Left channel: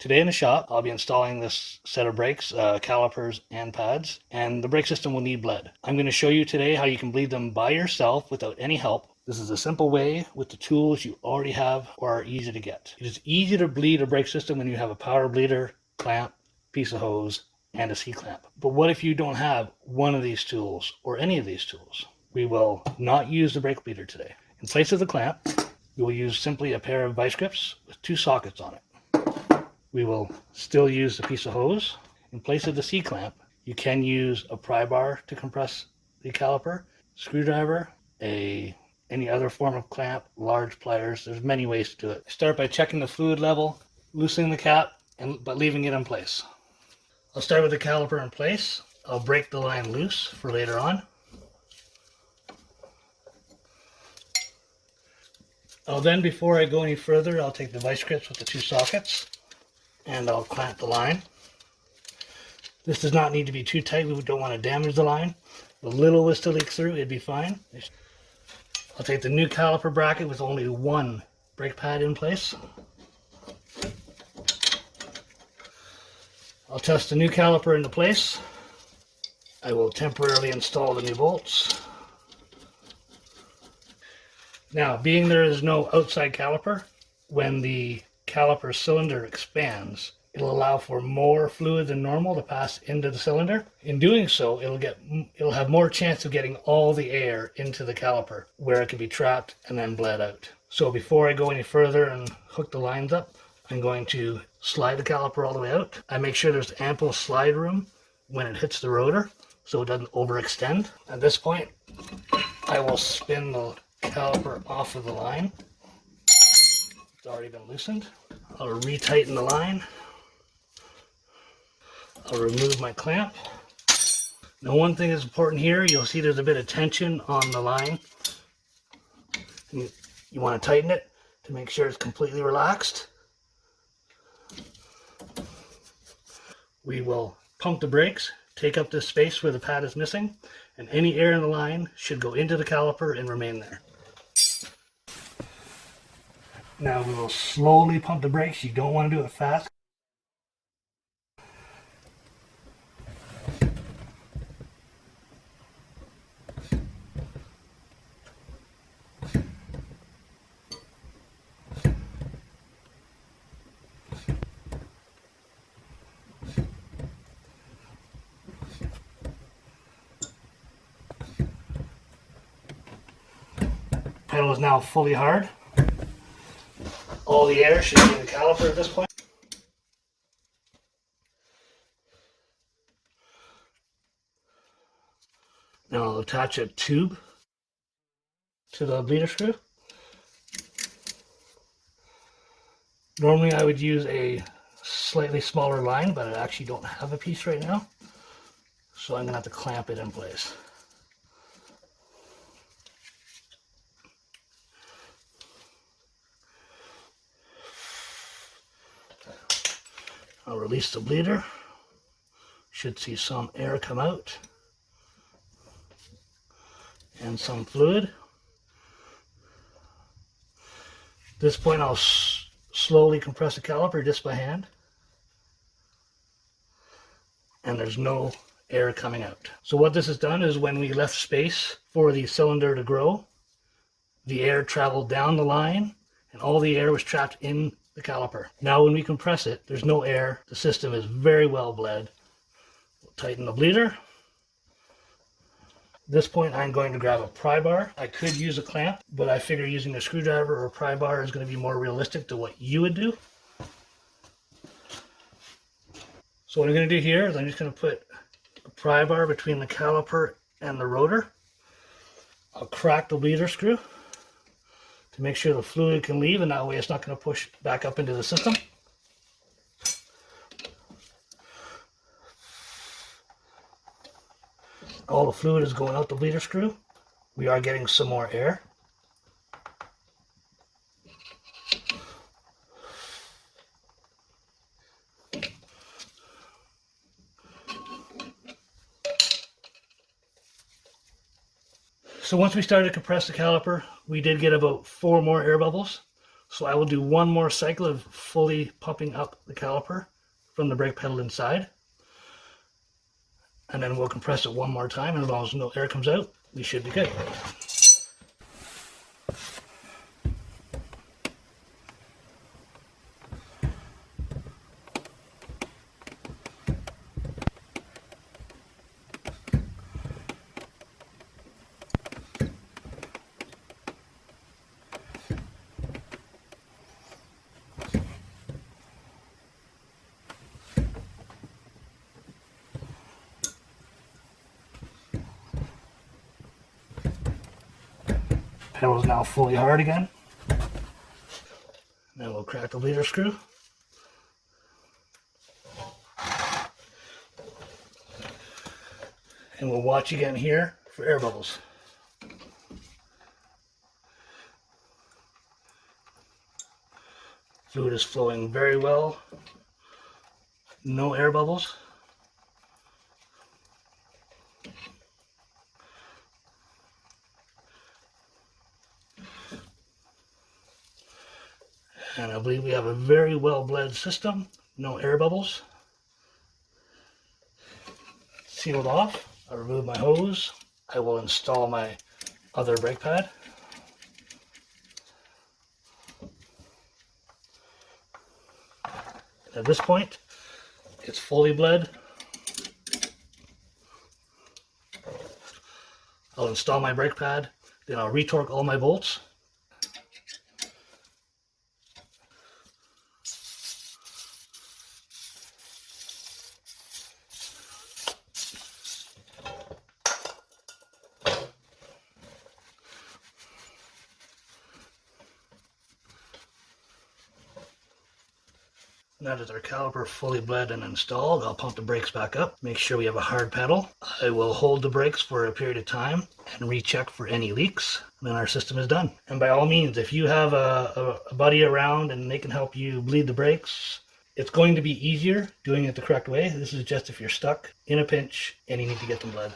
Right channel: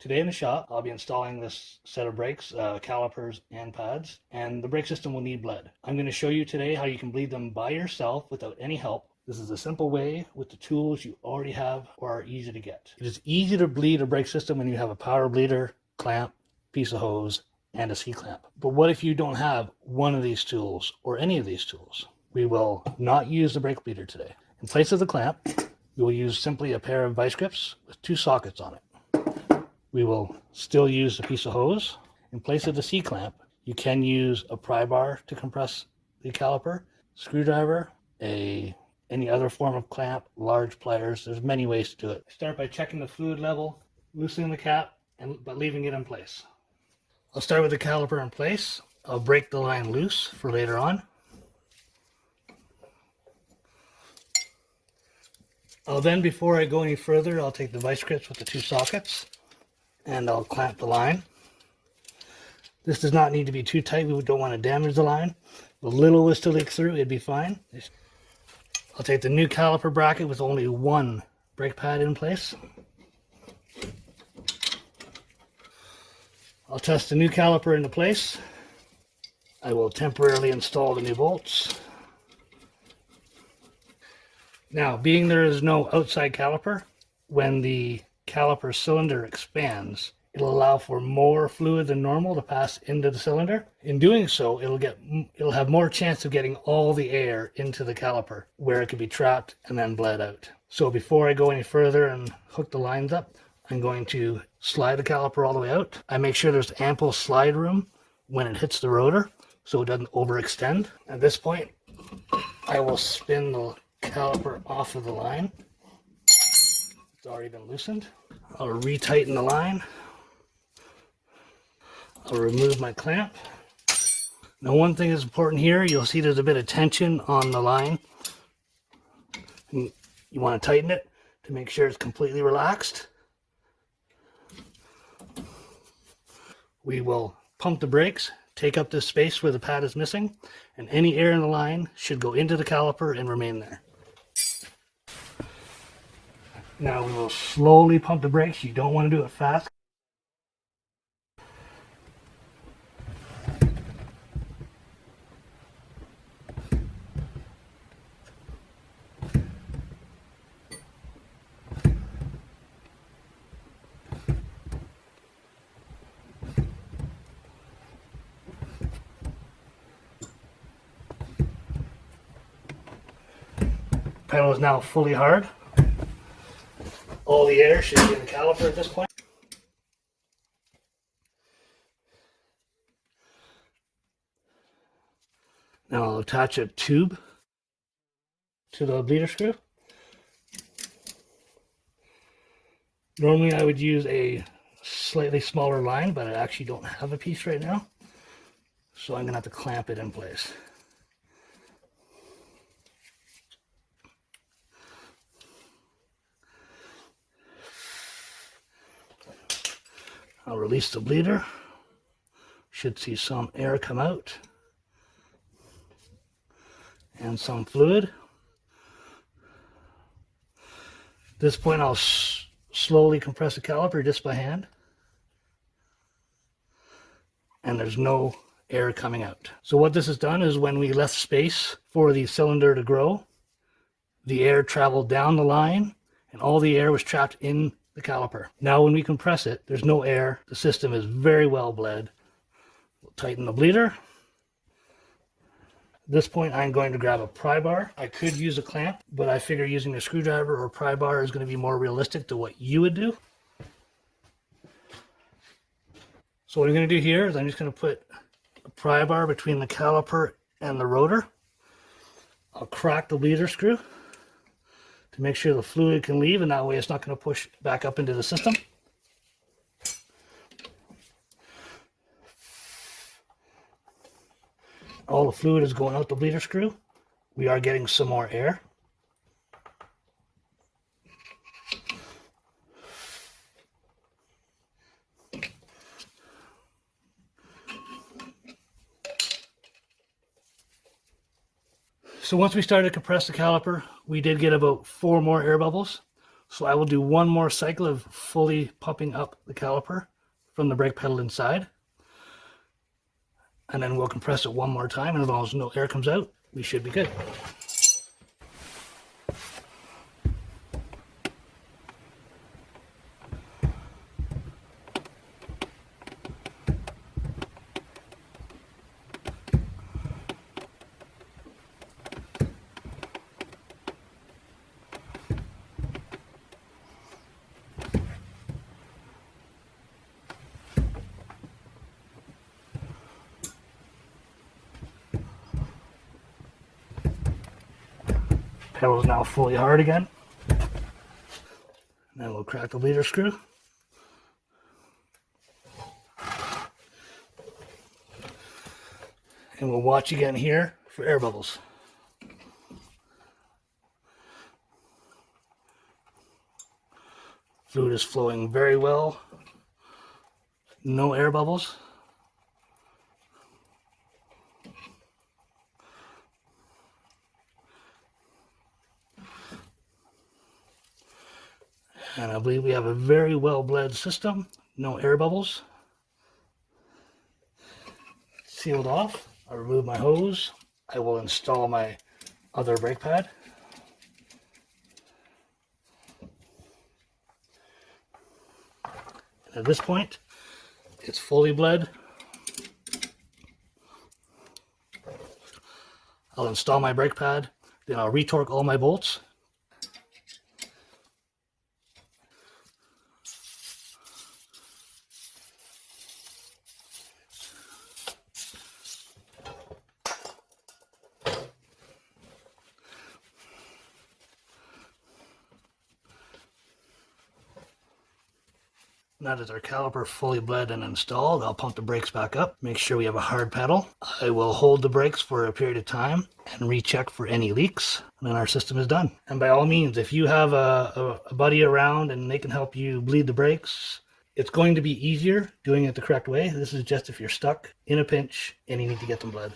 Today in the shop, I'll be installing this set of brakes, calipers and pads, and the brake system will need bled. I'm going to show you today how you can bleed them by yourself without any help. This is a simple way with the tools you already have or are easy to get. It is easy to bleed a brake system when you have a power bleeder, clamp, piece of hose, and a C-clamp. But what if you don't have one of these tools or any of these tools? We will not use the brake bleeder today. In place of the clamp, we will use simply a pair of vice grips with 2 sockets on it. We will still use a piece of hose. In place of the C-clamp, you can use a pry bar to compress the caliper, screwdriver, any other form of clamp, large pliers. There's many ways to do it. Start by checking the fluid level, loosening the cap, but leaving it in place. I'll start with the caliper in place. I'll break the line loose for later on. Then, before I go any further, I'll take the vice grips with the 2 sockets and I'll clamp the line. This does not need to be too tight. We don't want to damage the line. If a little was to leak through, it'd be fine. I'll take the new caliper bracket with only 1 brake pad in place. I'll test the new caliper into place. I will temporarily install the new bolts. Now, being there is no outside caliper, when the caliper cylinder expands, it'll allow for more fluid than normal to pass into the cylinder. In doing so, it'll have more chance of getting all the air into the caliper where it can be trapped and then bled out. So before I go any further and hook the lines up, I'm going to slide the caliper all the way out. I make sure there's ample slide room when it hits the rotor so it doesn't overextend. At this point, I will spin the caliper off of the line. It's already been loosened. I'll retighten the line. I'll remove my clamp. Now, one thing that's important here, you'll see there's a bit of tension on the line. You want to tighten it to make sure it's completely relaxed. We will pump the brakes, take up the space where the pad is missing, and any air in the line should go into the caliper and remain there. Now we will slowly pump the brakes. You don't want to do it fast. Pedal is now fully hard. All the air should be in the caliper at this point. Now I'll attach a tube to the bleeder screw. Normally I would use a slightly smaller line, but I actually don't have a piece right now. So I'm going to have to clamp it in place. I'll release the bleeder. Should see some air come out and some fluid. At this point, I'll slowly compress the caliper just by hand, and there's no air coming out. So what this has done is, when we left space for the cylinder to grow, the air traveled down the line and all the air was trapped in the caliper. Now when we compress it, there's no air. The system is very well bled. We'll tighten the bleeder. At this point, I'm going to grab a pry bar. I could use a clamp, but I figure using a screwdriver or a pry bar is going to be more realistic to what you would do. So what I'm going to do here is I'm just going to put a pry bar between the caliper and the rotor. I'll crack the bleeder screw to make sure the fluid can leave, and that way it's not going to push back up into the system. All the fluid is going out the bleeder screw. We are getting some more air. So once we started to compress the caliper, we did get about 4 more air bubbles. So I will do one more cycle of fully pumping up the caliper from the brake pedal inside. And then we'll compress it one more time, and as long as no air comes out, we should be good. Pedal is now fully hard again. Then we'll crack the leader screw. And we'll watch again here for air bubbles. Fluid is flowing very well. No air bubbles. And I believe we have a very well bled system. No air bubbles. Sealed off. I'll remove my hose. I will install my other brake pad. And at this point, it's fully bled. I'll install my brake pad, then I'll retorque all my bolts. Now that our caliper fully bled and installed, I'll pump the brakes back up, make sure we have a hard pedal. I will hold the brakes for a period of time and recheck for any leaks, and then our system is done. And by all means, if you have a buddy around and they can help you bleed the brakes, it's going to be easier doing it the correct way. This is just if you're stuck in a pinch and you need to get them bled.